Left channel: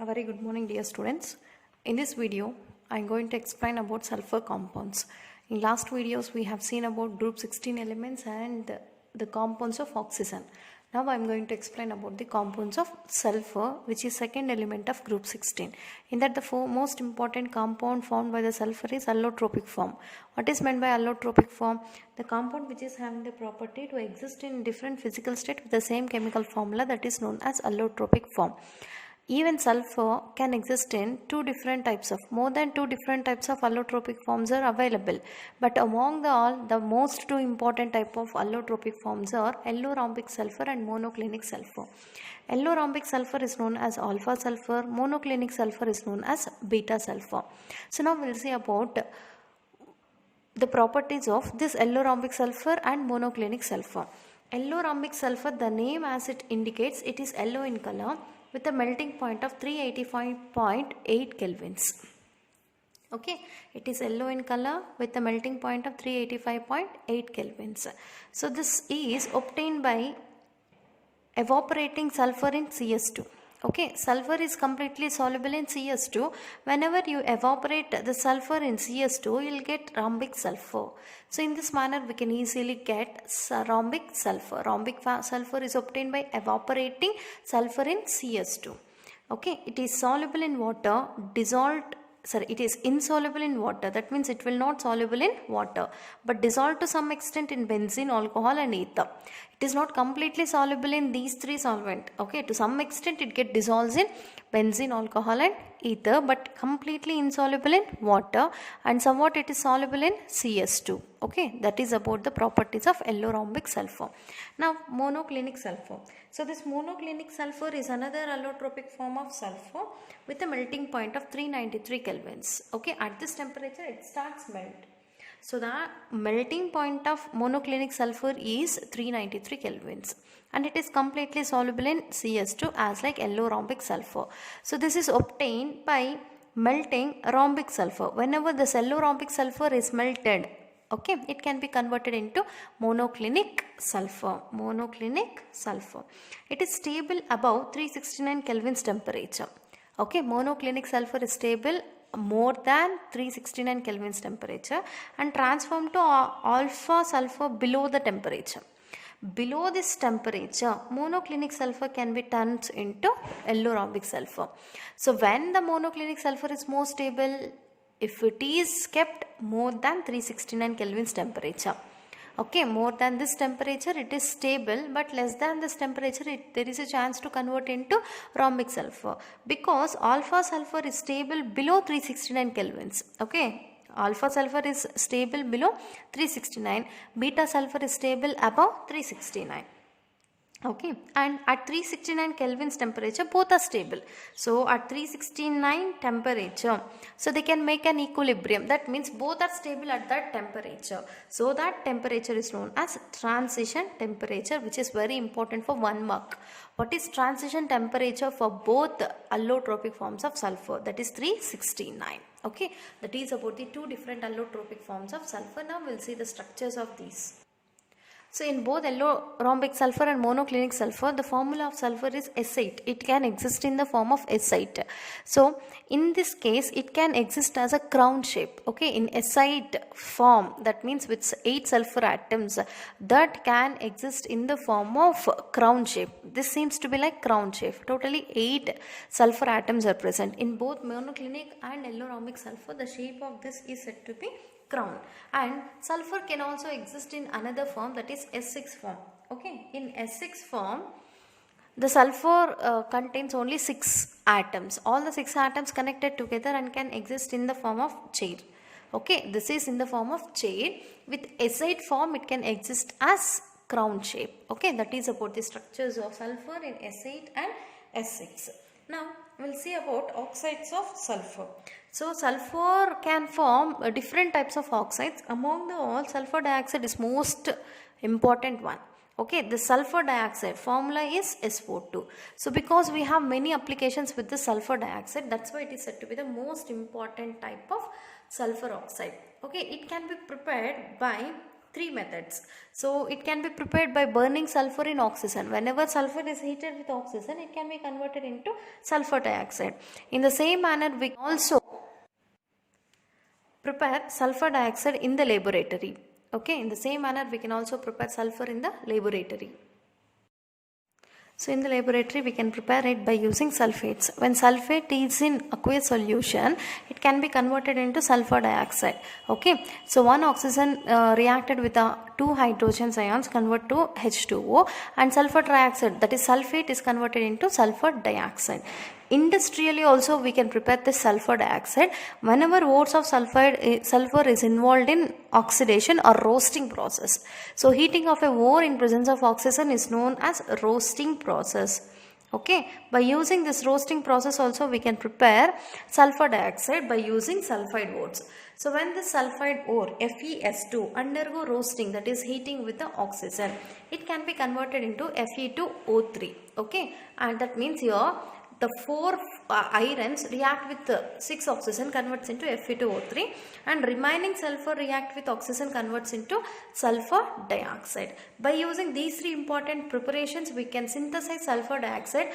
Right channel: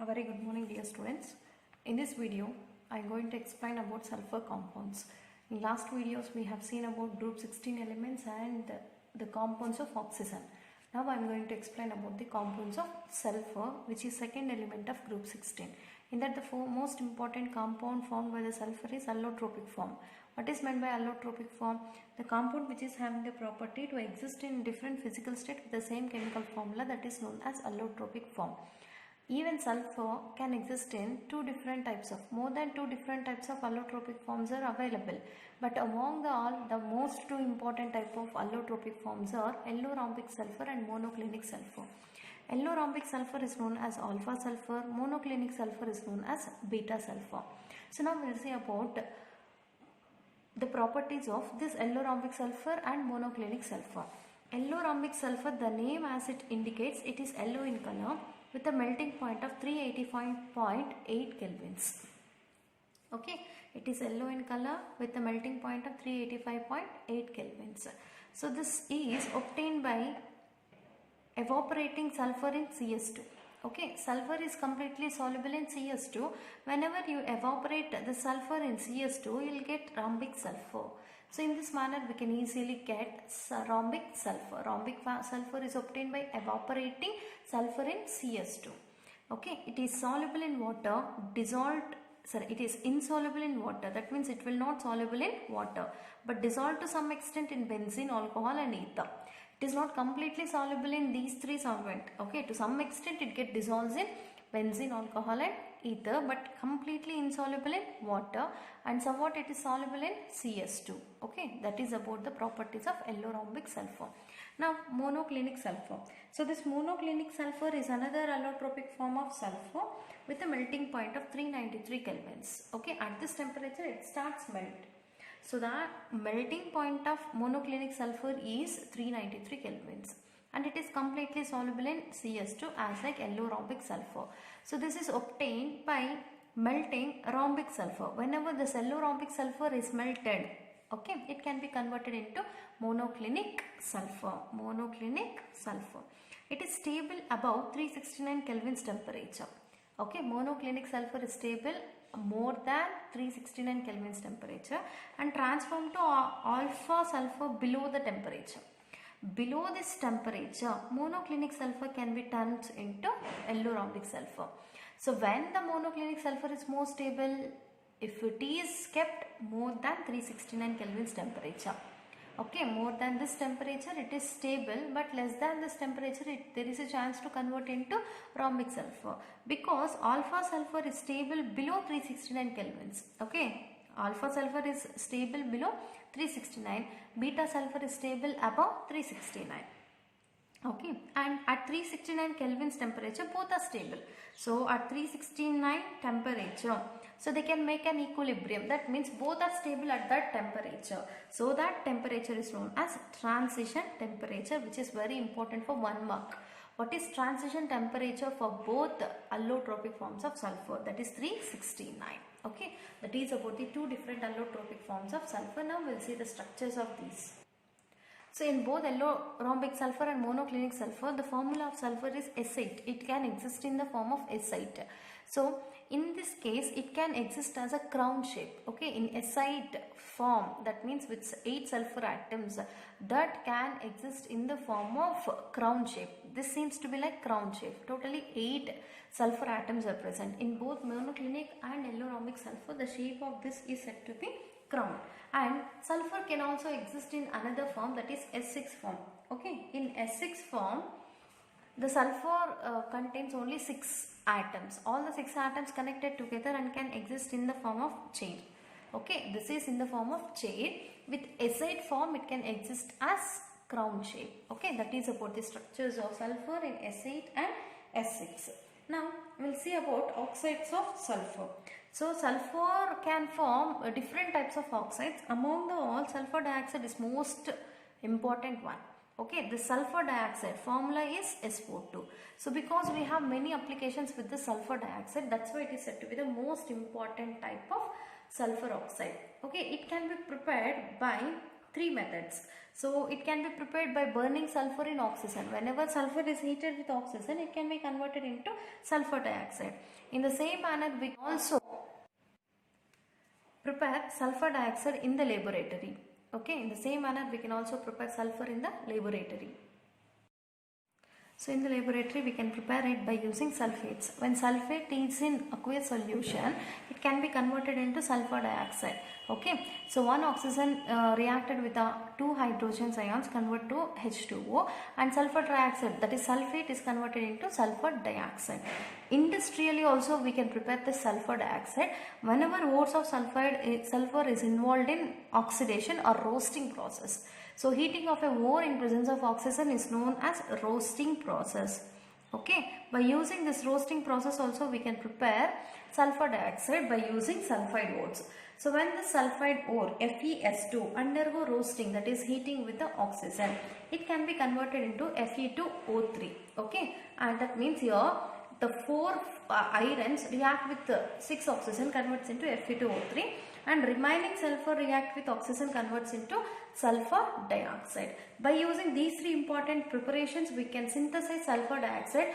A very good morning, dear students. In this video, I am going to explain about sulfur compounds. In last videos, we have seen about group 16 elements and the compounds of oxygen. Now I am going to explain about the compounds of sulfur, which is second element of group 16. In that, the most important compound found by the sulfur is allotropic form. What is meant by allotropic form? The compound which is having the property to exist in different physical state with the same chemical formula, that is known as allotropic form. Even sulfur can exist in more than two different types of allotropic forms are available. But among the most two important type of allotropic forms are allorhombic sulfur and monoclinic sulfur. Allorhombic sulfur is known as alpha sulfur, monoclinic sulfur is known as beta sulfur. So now we'll see about the properties of this allorhombic sulfur and monoclinic sulfur. Allorhombic sulfur, the name as it indicates, it is yellow in color with a melting point of 385.8 kelvins. Okay, it is yellow in color with a melting point of 385.8 kelvins. So this is obtained by evaporating sulfur in CS2. Okay, sulfur is completely soluble in CS2. Whenever you evaporate the sulfur in CS2, you will get rhombic sulfur. So in this manner, we can easily get rhombic sulfur. Rhombic sulfur is obtained by evaporating sulfur in CS2. Okay, it is soluble in water, it is insoluble in water. That means it will not soluble in water, but dissolved to some extent in benzene, alcohol and ether. It is not completely soluble in these three solvent. Okay, to some extent it get dissolves in benzene, alcohol and ether, but completely insoluble in water, and somewhat it is soluble in CS2. Okay, that is about the properties of allorhombic sulfur. Now monoclinic sulfur. So this monoclinic sulfur is another allotropic form of sulfur with a melting point of 393 kelvins. Okay, at this temperature it starts melt. So the melting point of monoclinic sulfur is 393 kelvins and it is completely soluble in CS2 as like allorhombic sulfur. So this is obtained by melting rhombic sulfur. Whenever the allorhombic sulfur is melted, okay, it can be converted into monoclinic sulfur. Monoclinic sulfur. It is stable above 369 kelvins temperature. Okay, monoclinic sulfur is stable more than 369 kelvins temperature and transformed to alpha sulfur below the temperature. Below this temperature, monoclinic sulfur can be turned into allorhombic sulfur. So when the monoclinic sulfur is more stable, if it is kept more than 369 kelvins temperature. Okay, more than this temperature it is stable, but less than this temperature there is a chance to convert into rhombic sulfur, because alpha sulfur is stable below 369 kelvins. Okay, alpha sulfur is stable below 369, beta sulfur is stable above 369. Okay, and at 369 kelvins temperature both are stable. So at 369 temperature, so they can make an equilibrium. That means both are stable at that temperature. So that temperature is known as transition temperature, which is very important for 1 mark. What is transition temperature for both allotropic forms of sulfur? That is 369. Okay, that is about the two different allotropic forms of sulfur. Now we'll see the structures of these. So in both allorhombic sulfur and monoclinic sulfur, the formula of sulfur is S8. It can exist in the form of S8. So in this case, it can exist as a crown shape. Okay, in S8 form, that means with 8 sulfur atoms, that can exist in the form of crown shape. This seems to be like crown shape. Totally 8 sulfur atoms are present. In both monoclinic and allorhombic sulfur, the shape of this is said to be crown. And sulfur can also exist in another form, that is S6 form. Okay, in S6 form, the sulfur contains only 6 atoms. All the 6 atoms connected together and can exist in the form of chain. Okay, this is in the form of chain. With S8 form, it can exist as crown shape. Okay, that is about the structures of sulfur in S8 and S6. Now we'll see about oxides of sulfur. So sulfur can form different types of oxides. Among the all, sulfur dioxide is most important one. Okay, the sulfur dioxide formula is SO2. So because we have many applications with the sulfur dioxide, that's why it is said to be the most important type of sulfur oxide. Okay, it can be prepared by three methods. So it can be prepared by burning sulfur in oxygen. Whenever sulfur is heated with oxygen, it can be converted into sulfur dioxide. In the same manner, we can also prepare sulfur dioxide in the laboratory. Okay, in the same manner, we can also prepare sulfur in the laboratory. So in the laboratory, we can prepare it by using sulfates. When sulfate is in aqueous solution, it can be converted into sulfur dioxide. Okay, so one oxygen reacted with two hydrogen ions convert to H2O, and sulfur dioxide, that is sulfate, is converted into sulfur dioxide. Industrially also we can prepare the sulfur dioxide whenever ores of sulfur is involved in oxidation or roasting process. So heating of a ore in presence of oxygen is known as roasting process. Okay, by using this roasting process also we can prepare sulfur dioxide by using sulfide ores. So when the sulfide ore FeS2 undergo roasting, that is heating with the oxygen, it can be converted into Fe2O3. Okay, and that means here the 4 irons react with 6 oxygen, converts into Fe2O3, and remaining sulfur react with oxygen, converts into sulfur dioxide. By using these 3 important preparations, we can synthesize sulfur dioxide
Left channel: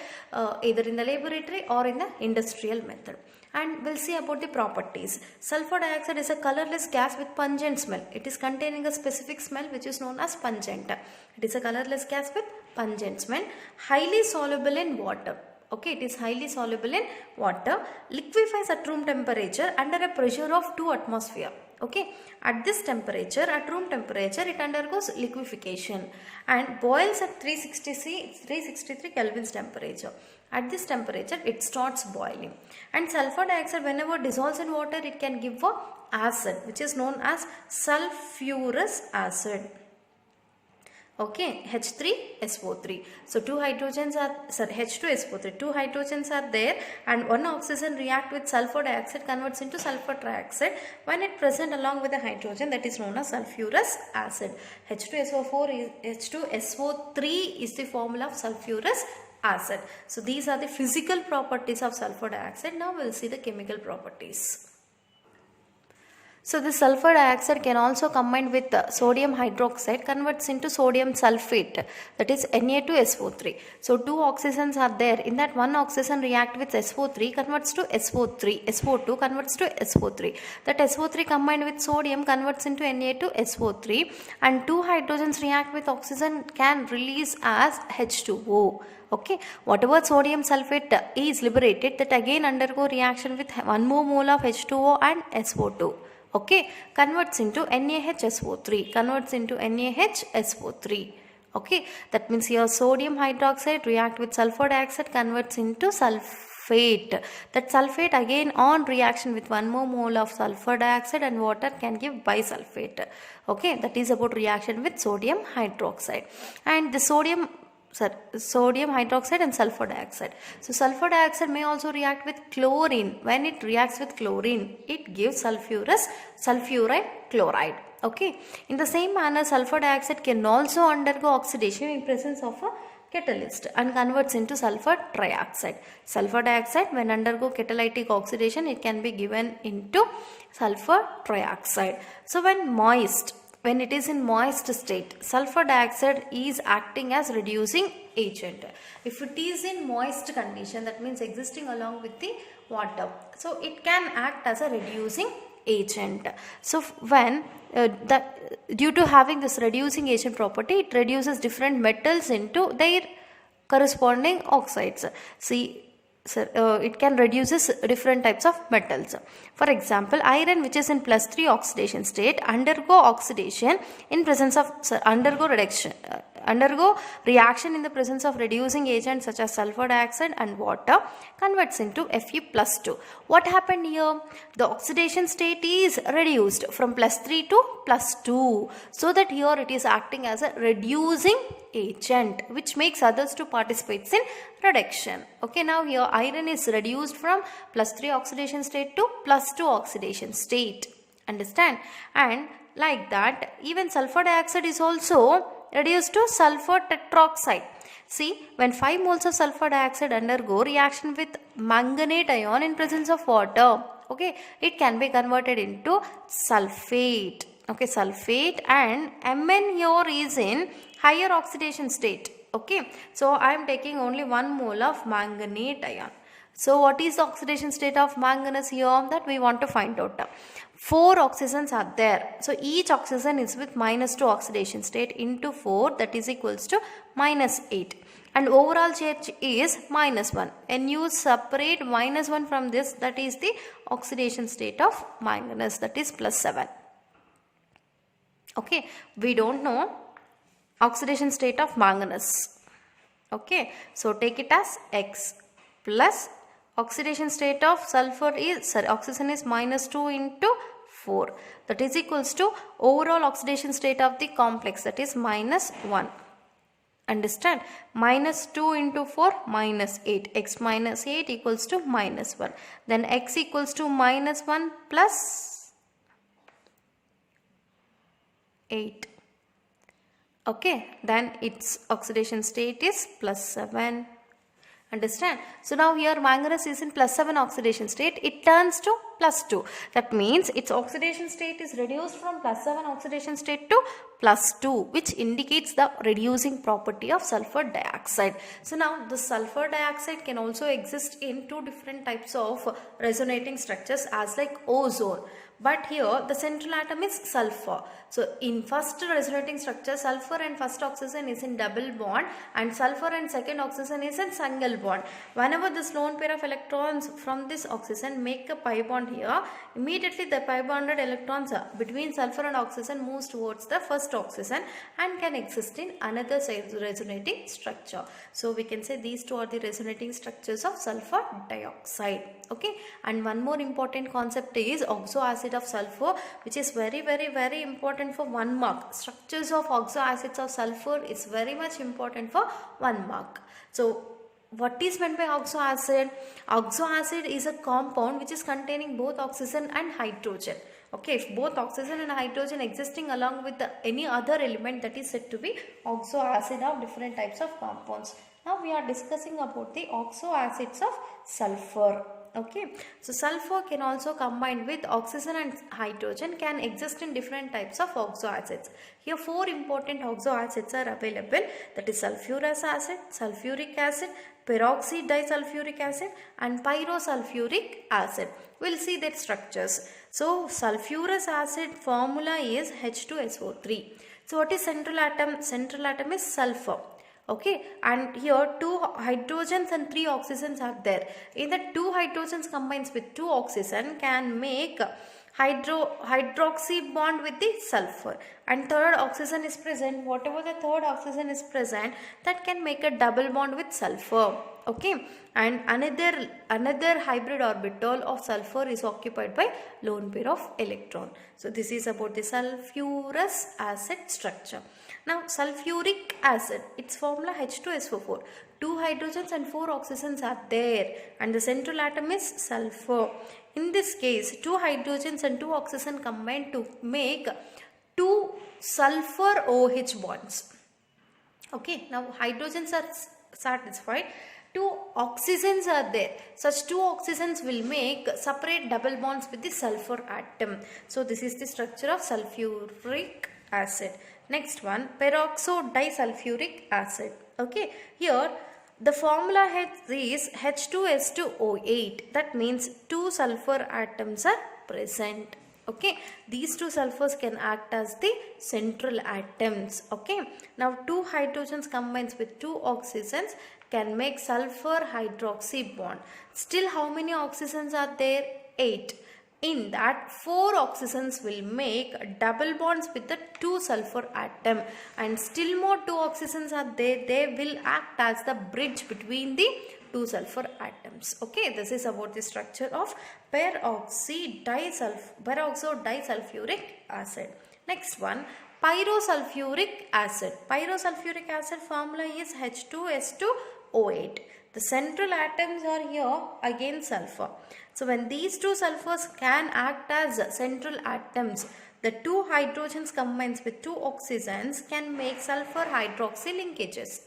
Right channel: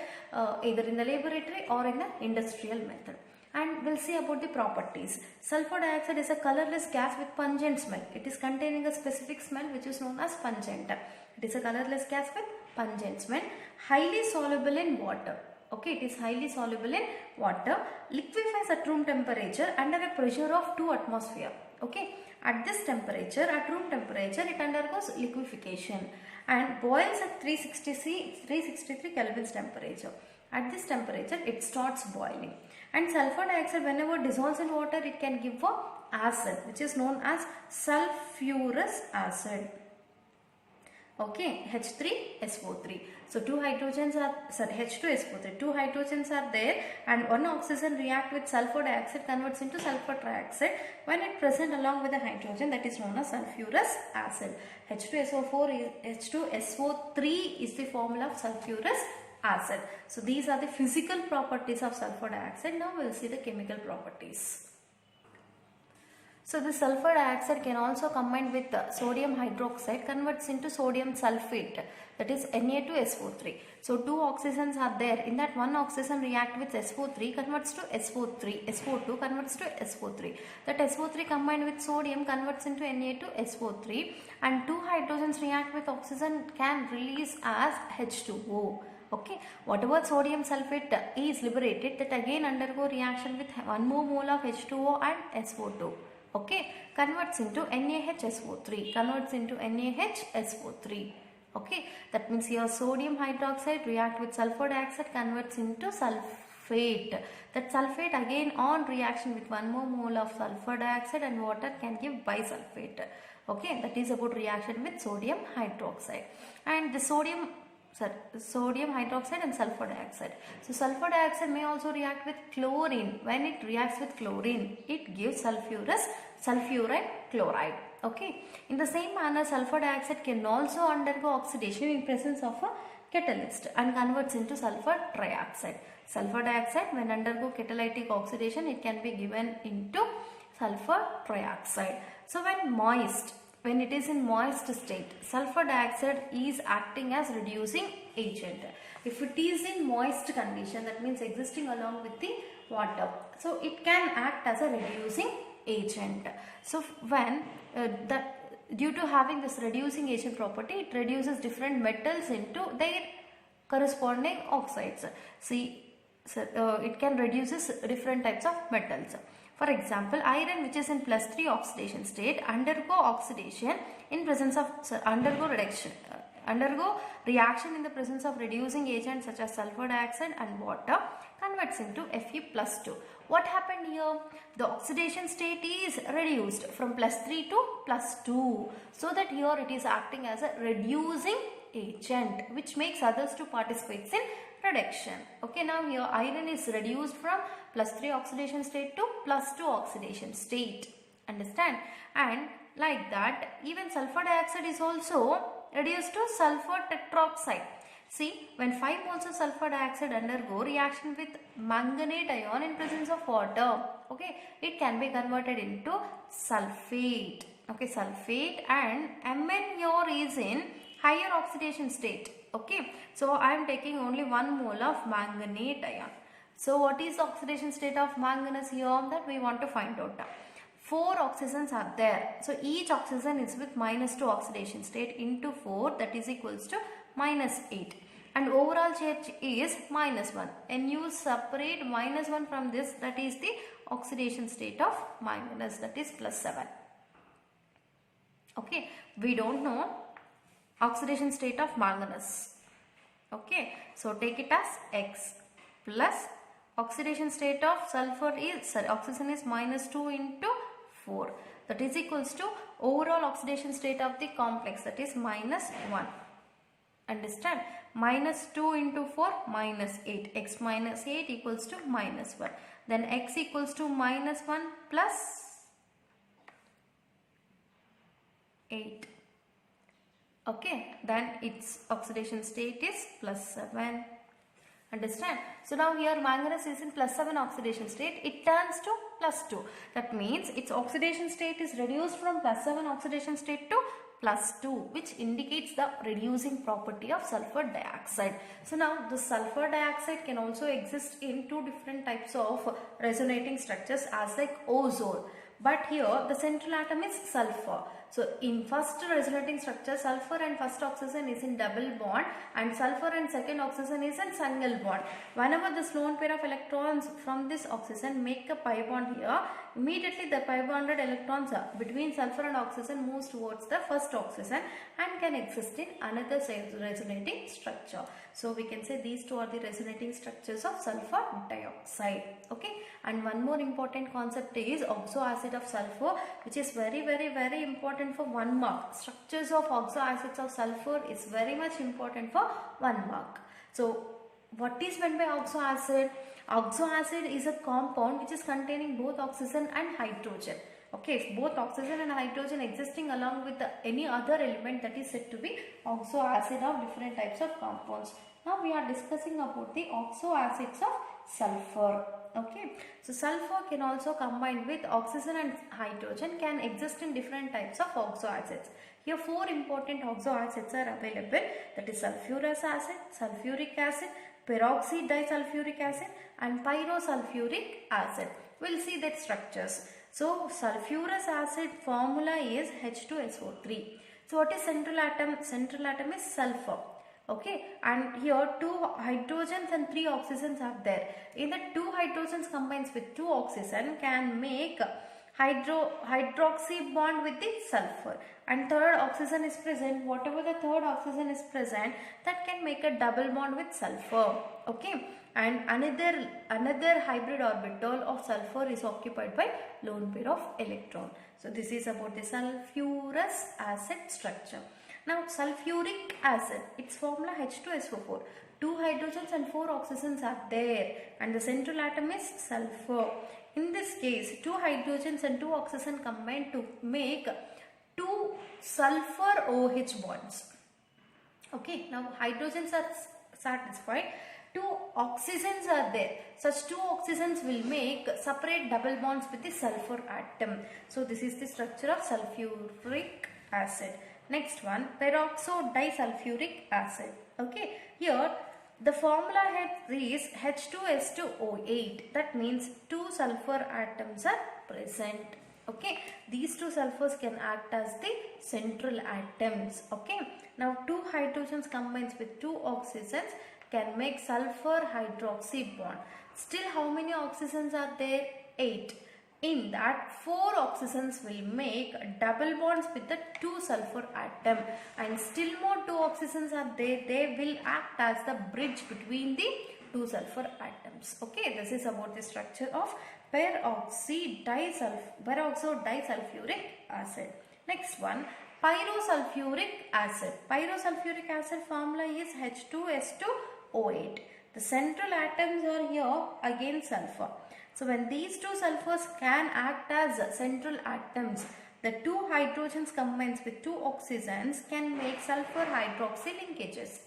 either in the laboratory or in the industrial method. And we'll see about the properties. Sulfur dioxide is a colorless gas with pungent smell. It is containing a specific smell which is known as pungent. It is a colorless gas with pungent smell, highly soluble in water. Okay, it is highly soluble in water, liquefies at room temperature under a pressure of 2 atmosphere. Okay, at this temperature, at room temperature, it undergoes liquefaction and boils at 363 Kelvin's temperature. At this temperature, it starts boiling. And sulfur dioxide, whenever dissolves in water, it can give a acid which is known as sulfurous acid. Okay, H3SO3. So two hydrogens are, H2SO3. Two hydrogens are there, and one oxygen react with sulfur dioxide, converts into sulfur trioxide when it present along with the hydrogen, that is known as sulfurous acid. H2SO3 is the formula of sulfurous acid. So these are the physical properties of sulfur dioxide. Now we will see the chemical properties. So the sulfur dioxide can also combine with sodium hydroxide, converts into sodium sulfate, that is Na2SO3. So two oxygens are there. In that one oxygen react with SO3, converts to SO3. SO2 converts to SO3. That SO3 combined with sodium converts into Na2SO3, and two hydrogens react with oxygen can release as H2O. Okay, whatever sodium sulfate is liberated, that again undergo reaction with 1 more mole of H2O and SO2. Okay, converts into NaHSO3, Okay, that means here sodium hydroxide react with sulfur dioxide, converts into sulfate. That sulfate again on reaction with 1 more mole of sulfur dioxide and water can give bisulfate. Okay, that is about reaction with sodium hydroxide. And the sodium hydroxide and sulfur dioxide. So sulfur dioxide may also react with chlorine. When it reacts with chlorine, it gives sulfuride chloride. Okay. In the same manner, sulfur dioxide can also undergo oxidation in presence of a catalyst and converts into sulfur trioxide. Sulfur dioxide, when undergo catalytic oxidation, it can be given into sulfur trioxide. So when it is in moist state, sulfur dioxide is acting as reducing agent. If it is in moist condition, that means existing along with the water, so it can act as a reducing agent. So when due to having this reducing agent property, it reduces different metals into their corresponding oxides. See, it can reduces different types of metals. For example, iron, which is in +3 oxidation state, undergo oxidation in presence of undergo reaction in the presence of reducing agents such as sulfur dioxide and water, converts into Fe+2. What happened here? The oxidation state is reduced from +3 to +2, so that here it is acting as a reducing agent, which makes others to participate in reduction. Okay, now here iron is reduced from +3 oxidation state to +2 oxidation state. Understand? And like that, even sulfur dioxide is also reduced to sulfur tetroxide. See, when 5 moles of sulfur dioxide undergo reaction with manganate ion in presence of water, okay, it can be converted into sulfate. okay, sulfate, and Mn here is in higher oxidation state. Okay, so I am taking only 1 mole of manganate ion. So what is the oxidation state of manganese here that we want to find out? 4 oxygens are there. So each oxygen is with -2 oxidation state into 4, that is equals to -8. And overall charge is -1. And you separate -1 from this, that is the oxidation state of manganese, that is +7. Okay, we don't know oxidation state of manganese. Okay, so take it as X plus oxidation state of sulfur is, oxygen is -2 into 4, that is equals to overall oxidation state of the complex, that is -1. Understand? -2 into 4 -8. X minus 8 equals to -1. Then X equals to -1 plus 8. Okay, then its oxidation state is +7. Understand? So now here manganese is in +7 oxidation state, it turns to +2. That means its oxidation state is reduced from +7 oxidation state to +2, which indicates the reducing property of sulfur dioxide. So now the sulfur dioxide can also exist in 2 different types of resonating structures as like ozone. But here the central atom is sulfur. So in first resonating structure, sulfur and first oxygen is in double bond, and sulfur and second oxygen is in single bond. Whenever this lone pair of electrons from this oxygen make a pi bond here, immediately the pi bonded electrons between sulfur and oxygen moves towards the first oxygen and can exist in another resonating structure. So we can say these two are the resonating structures of sulfur dioxide. Okay, and one more important concept is oxoacid of sulfur, which is very important for 1 mark. Structures of oxoacids of sulfur is very much important for 1 mark. So what is meant by oxoacid? Oxoacid is a compound which is containing both oxygen and hydrogen. Okay, if both oxygen and hydrogen existing along with any other element, that is said to be oxoacid of different types of compounds. Now we are discussing about the oxoacids of sulfur. Okay, so sulfur can also combine with oxygen and hydrogen, can exist in different types of oxoacids. Here 4 important oxoacids are available, that is sulfurous acid, sulfuric acid, peroxy disulfuric acid and pyrosulfuric acid. We'll see their structures. So sulfurous acid formula is H2SO3. So what is central atom? Central atom is sulfur. Okay, and here 2 hydrogens and 3 oxygens are there. In the 2 hydrogens combines with 2 oxygen can make hydroxy bond with the sulfur, and third oxygen is present. Whatever the third oxygen is present, that can make a double bond with sulfur. Okay, and another hybrid orbital of sulfur is occupied by lone pair of electron. So this is about the sulfurous acid structure. Now sulfuric acid, its formula H2SO4. 2 hydrogens and 4 oxygens are there, and the central atom is sulfur. In this case, 2 hydrogens and 2 oxygen combine to make 2 sulfur OH bonds. Okay, now hydrogens are satisfied. 2 oxygens are there. Such 2 oxygens will make separate double bonds with the sulfur atom. So this is the structure of sulfuric acid. Next one, peroxo disulfuric acid. Okay, here the formula is H2S2O8. That means 2 sulfur atoms are present. Okay, these 2 sulfurs can act as the central atoms. Okay, now 2 hydrogens combines with 2 oxygens can make sulfur hydroxy bond. Still how many oxygens are there? 8. In that 4 oxygens will make double bonds with the 2 sulfur atom, and still more 2 oxygens are there. They will act as the bridge between the 2 sulfur atoms. Okay, this is about the structure of peroxo disulfuric acid. Next one, pyrosulfuric acid. Pyrosulfuric acid formula is H2S2O8. The central atoms are here again sulfur. So when these 2 sulfurs can act as central atoms, the 2 hydrogens combines with 2 oxygens can make sulfur hydroxy linkages.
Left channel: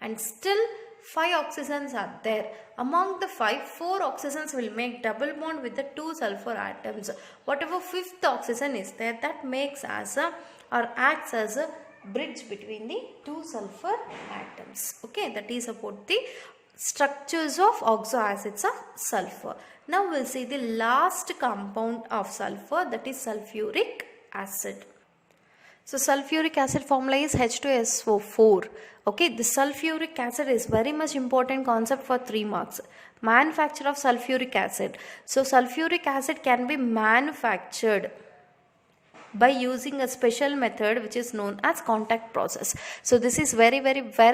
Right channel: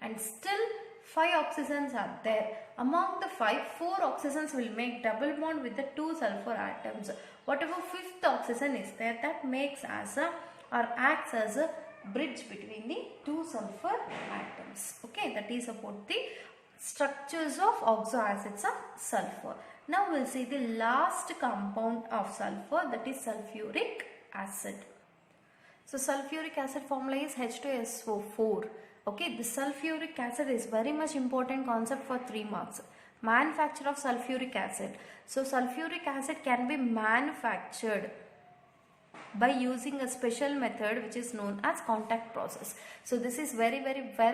And still 5 oxygens are there. Among the 5, 4 oxygens will make double bond with the 2 sulfur atoms. Whatever 5th oxygen is there, that makes as a or acts as a bridge between the 2 sulfur atoms. Okay, that is about the structures of oxoacids of sulfur. Now we'll see the last compound of sulfur, that is sulfuric acid. So sulfuric acid formula is H2SO4. Okay, the sulfuric acid is very much important concept for 3 marks. Manufacture of sulfuric acid. So sulfuric acid can be manufactured by using a special method which is known as contact process. So this is very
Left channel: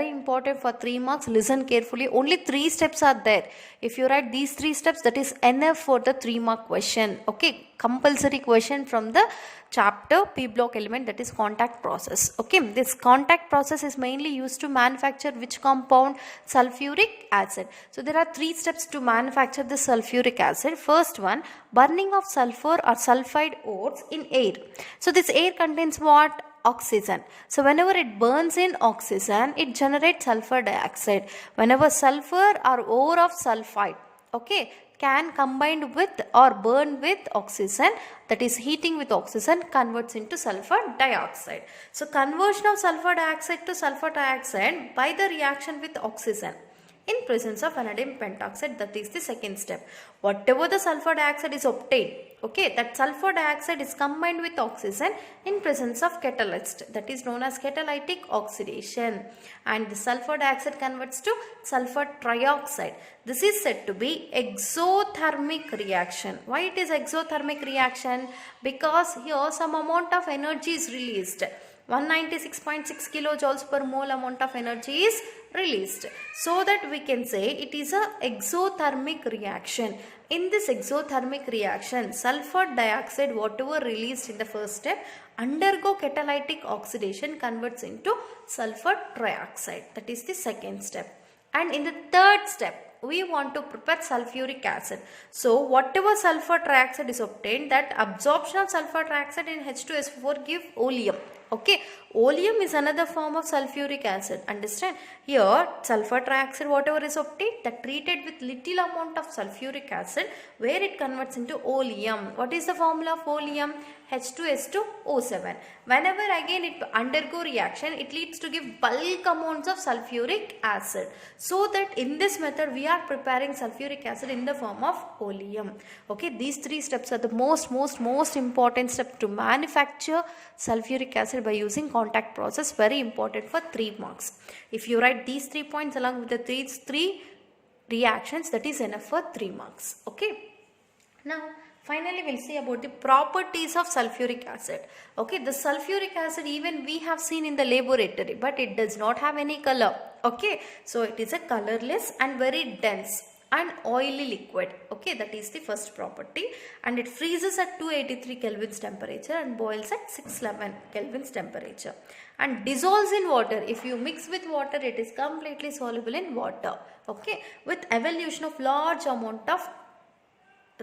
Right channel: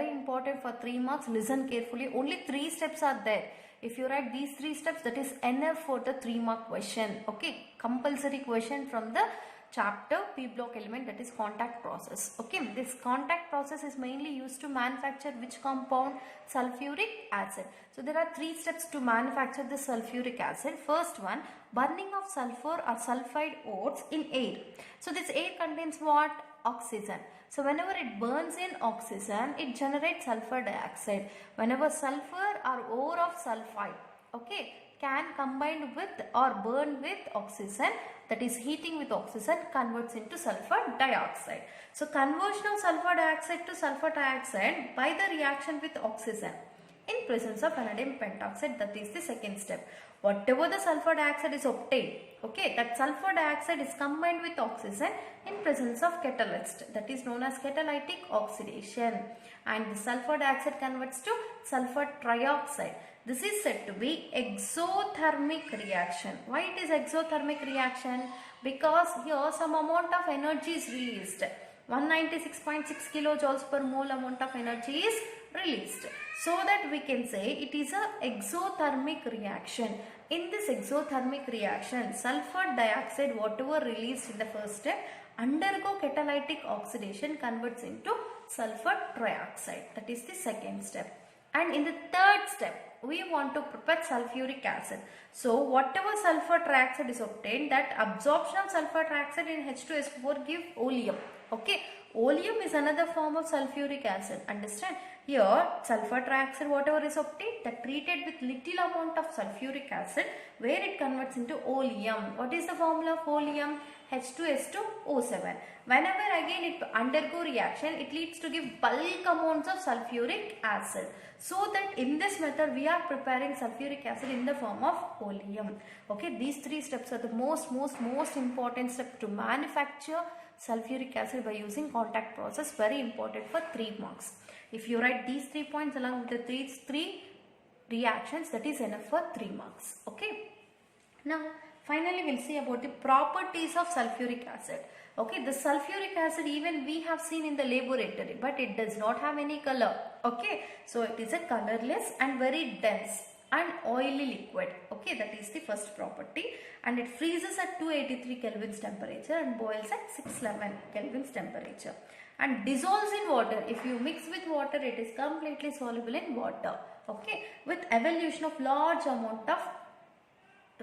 important for 3 marks. Listen carefully. Only 3 steps are there. If you write these 3 steps, that is enough for the 3 mark question. Okay, compulsory question from the chapter P block element, that is contact process. Okay, this contact process is mainly used to manufacture which compound? Sulfuric acid. So there are 3 steps to manufacture the sulfuric acid. First one, burning of sulfur or sulfide ores in air. So this air contains what? Oxygen. So whenever it burns in oxygen, it generates sulfur dioxide. Whenever sulfur or ore of sulfide, okay, can combine with or burn with oxygen, that is heating with oxygen, converts into sulfur dioxide. So conversion of sulfur dioxide to sulfur dioxide by the reaction with oxygen in presence of vanadium pentoxide, that is the second step. Whatever the sulfur dioxide is obtained, okay, that sulfur dioxide is combined with oxygen in presence of catalyst, that is known as catalytic oxidation, and the sulfur dioxide converts to sulfur trioxide. This is said to be exothermic reaction. Why it is exothermic reaction? Because here some amount of energy is released. 196.6 kilojoules per mole amount of energy is released. So that we can say it is a exothermic reaction. In this exothermic reaction, sulfur dioxide, whatever released in the first step, undergo catalytic oxidation, converts into sulfur trioxide. That is the second step. And in the third step, we want to prepare sulfuric acid. So whatever sulfur trioxide is obtained, that absorption of sulfur trioxide in H2SO4 give oleum. Okay, oleum is another form of sulfuric acid. Understand? Here sulfur trioxide, whatever is obtained, that treated with little amount of sulfuric acid, where it converts into oleum. What is the formula of oleum? H2S2O7. Whenever again it undergo reaction, it leads to give bulk amounts of sulfuric acid. So that in this method we are preparing sulfuric acid in the form of oleum. Okay, these 3 steps are the most important step to manufacture sulfuric acid by using contact process. Very important for 3 marks. If you write these 3 points along with the 3 reactions, that is enough for 3 marks. Okay. Now finally we'll see about the properties of sulfuric acid. Okay, the sulfuric acid even we have seen in the laboratory, but it does not have any color. Okay, so it is a colorless and very dense and oily liquid. Okay, that is the first property, and it freezes at 283 Kelvin's temperature and boils at 611 Kelvin's temperature and dissolves in water. If you mix with water, it is completely soluble in water. Okay, with evolution of large amount of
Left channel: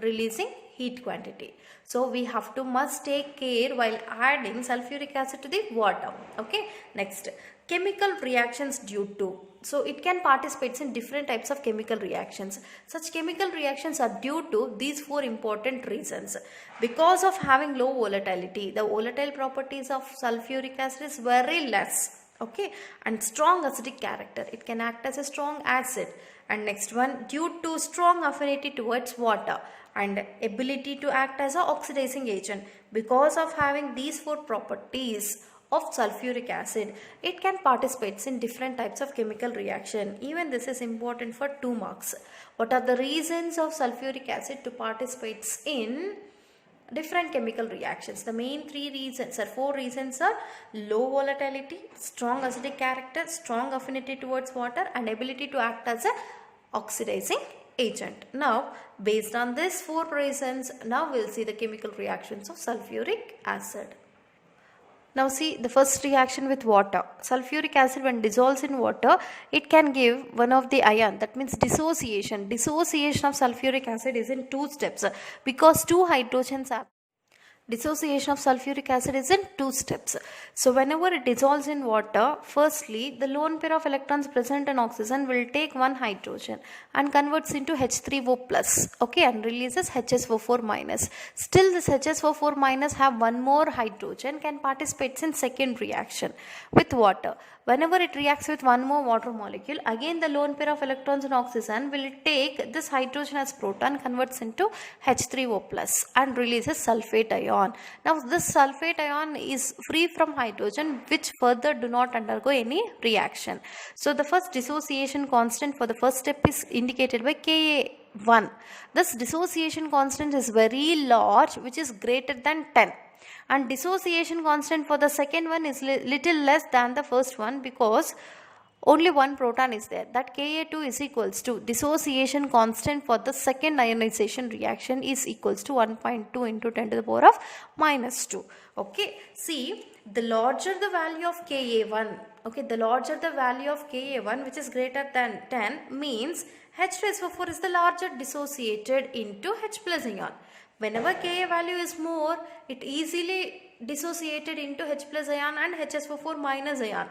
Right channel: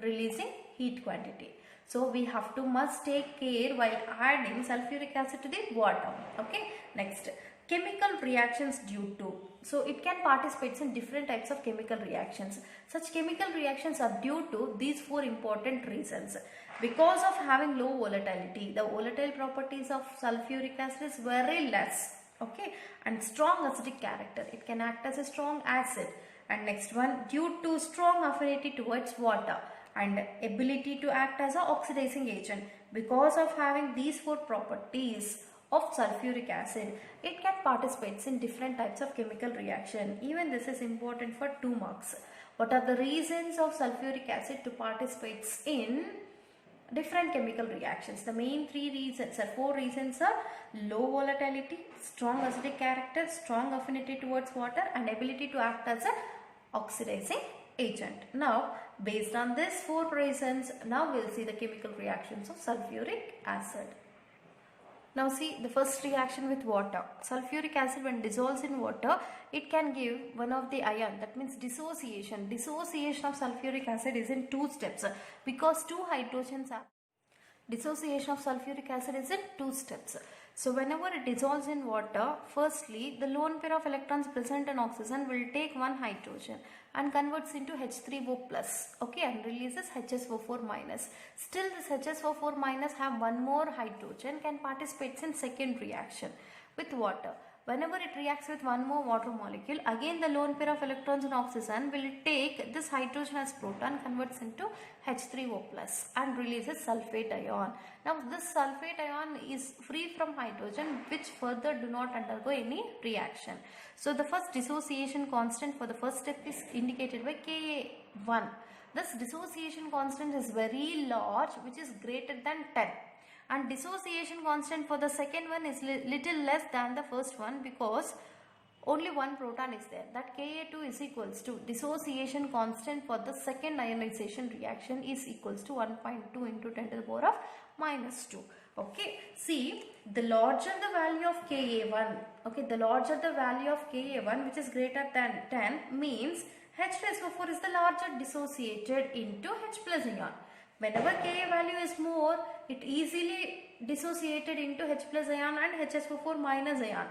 releasing heat quantity. So we have to must take care while adding sulfuric acid to the water. Okay, next, chemical reactions due to. So it can participate in different types of chemical reactions. Such chemical reactions are due to these 4 important reasons. Because of having low volatility, the volatile properties of sulfuric acid is very less. Okay, and strong acidic character, it can act as a strong acid. And next one, due to strong affinity towards water and ability to act as an oxidizing agent. Because of having these 4 properties of sulfuric acid, it can participate in different types of chemical reaction. Even this is important for 2 marks. What are the reasons of sulfuric acid to participate in different chemical reactions? The main 3 reasons or 4 reasons are low volatility, strong acidic character, strong affinity towards water, and ability to act as a oxidizing agent. Now based on these 4 reasons, now we'll see the chemical reactions of sulfuric acid. Now see the first reaction with water. Sulfuric acid when dissolves in water, it can give one of the ion, that means dissociation. Dissociation of sulfuric acid is in 2 steps because 2 hydrogens are Dissociation of sulfuric acid is in 2 steps. So whenever it dissolves in water, firstly the lone pair of electrons present in oxygen will take one hydrogen and converts into H3O plus, okay, and releases HSO4 minus. Still this HSO4 minus have one more hydrogen, can participate in second reaction with water. Whenever it reacts with one more water molecule, again the lone pair of electrons in oxygen will take this hydrogen as proton, converts into H3O plus and releases sulfate ion. Now this sulfate ion is free from hydrogen, which further do not undergo any reaction. So the first dissociation constant for the first step is indicated by Ka1. This dissociation constant is very large, which is greater than 10. And dissociation constant for the second one is little less than the first one, because only one proton is there. That Ka2 is equals to dissociation constant for the second ionization reaction is equals to 1.2 into 10 to the power of minus 2. Okay, see, the larger the value of Ka1, okay, the larger the value of Ka1, which is greater than 10, means H2SO4 is the larger dissociated into H plus ion. Whenever Ka value is more, it easily dissociated into H plus ion and HSO4 minus ion.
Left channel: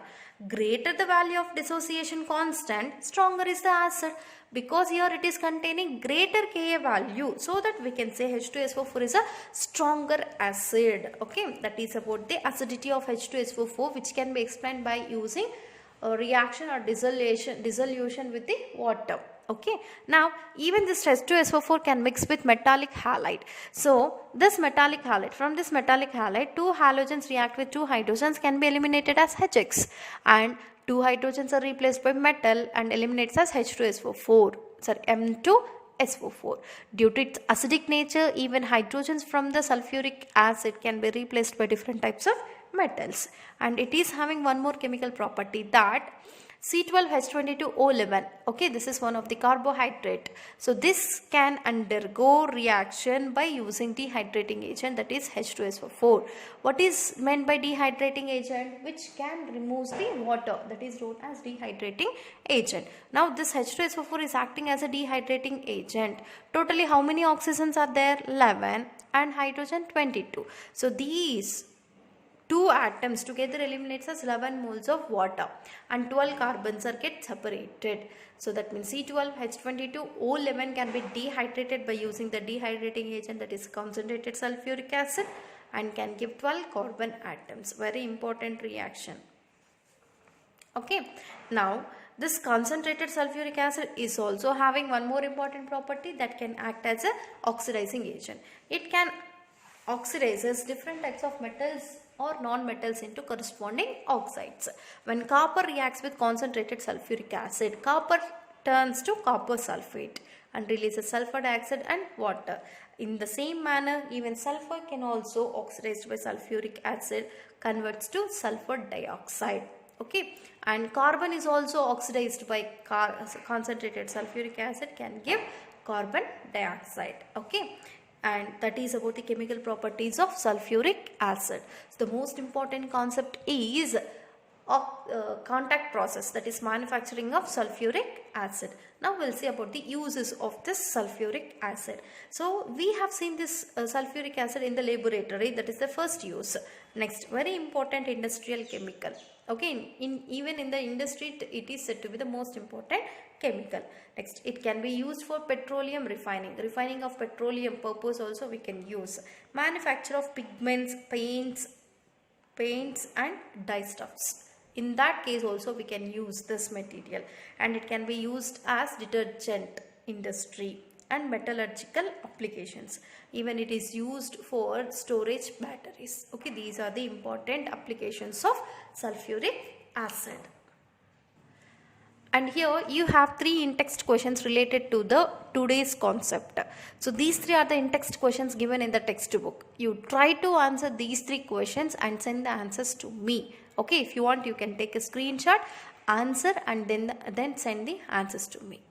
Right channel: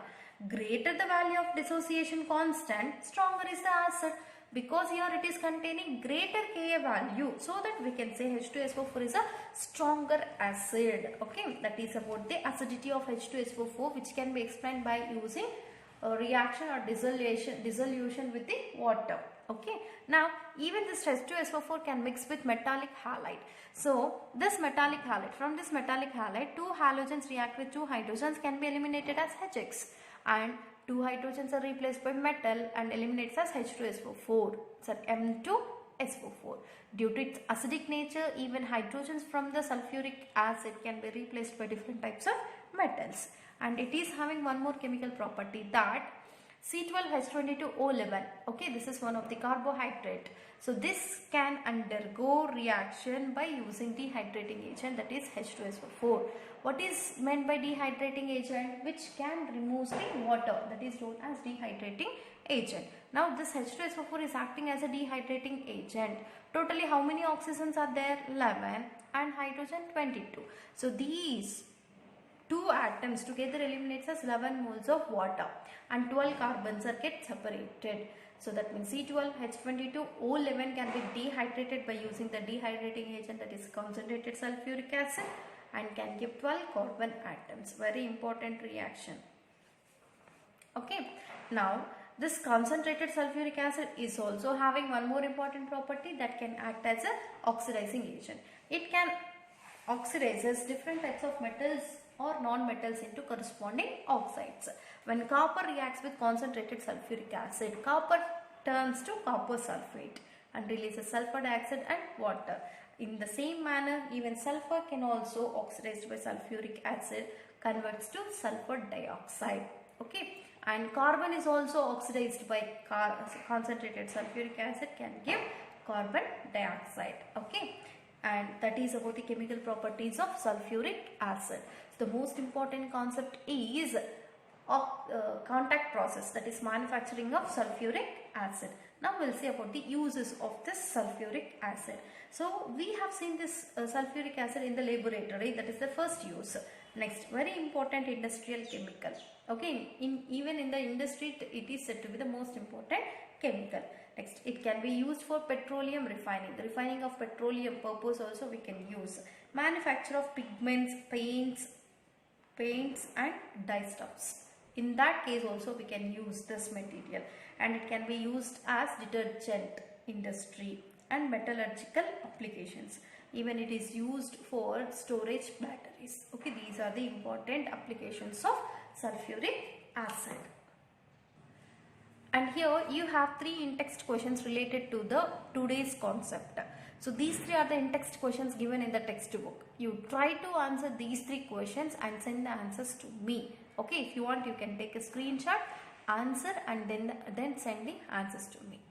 Greater the value of dissociation constant, stronger is the acid, because here it is containing greater Ka value, so that we can say H2SO4 is a stronger acid. Okay, that is about the acidity of H2SO4, which can be explained by using a reaction or dissolution with the water. Okay, now even this H2SO4 can mix with metallic halide. So this metallic halide, from this metallic halide, two halogens react with two hydrogens, can be eliminated as HX, and two hydrogens are replaced by metal and eliminates as H2SO4, sorry, M2SO4. Due to its acidic nature, even hydrogens from the sulfuric acid can be replaced by different types of metals. And it is having one more chemical property, that C12H22O11, okay, this is one of the carbohydrate. So this can undergo reaction by using dehydrating agent, that is H2SO4. What is meant by dehydrating agent? Which can remove the water, that is known as dehydrating agent. Now this H2SO4 is acting as a dehydrating agent. Totally how many oxygens are there? 11, and hydrogen 22. So these two atoms together eliminates as 11 moles of water, and 12 carbons are get separated. So that means C12H22O11 can be dehydrated by using the dehydrating agent, that is concentrated sulfuric acid, and can give 12 carbon atoms. Very important reaction. Okay, now this concentrated sulfuric acid is also having one more important property, that can act as a oxidizing agent. It can oxidizes different types of metals or non-metals into corresponding oxides. When copper reacts with concentrated sulfuric acid, copper turns to copper sulfate and releases sulfur dioxide and water. In the same manner, even sulfur can also oxidized by sulfuric acid, converts to sulfur dioxide. Okay, and carbon is also oxidized by concentrated sulfuric acid, can give carbon dioxide. Okay, and that is about the chemical properties of sulfuric acid. So the most important concept is contact process, that is manufacturing of sulfuric acid. Now we'll see about the uses of this sulfuric acid. So we have seen this sulfuric acid in the laboratory, that is the first use. Next, very important industrial chemical. Okay, even in the industry it is said to be the most important chemical. Next, it can be used for petroleum refining of petroleum purpose also we can use. Manufacture of pigments, paints and dyestuffs. In that case also we can use this material, and it can be used as detergent industry and metallurgical applications. Even it is used for storage batteries. Okay, these are the important applications of sulfuric acid. And here you have 3 in-text questions related to the today's concept. So these 3 are the in-text questions given in the textbook. You try to answer these 3 questions and send the answers to me. Okay, if you want you can take a screenshot, answer, and then send the answers to me.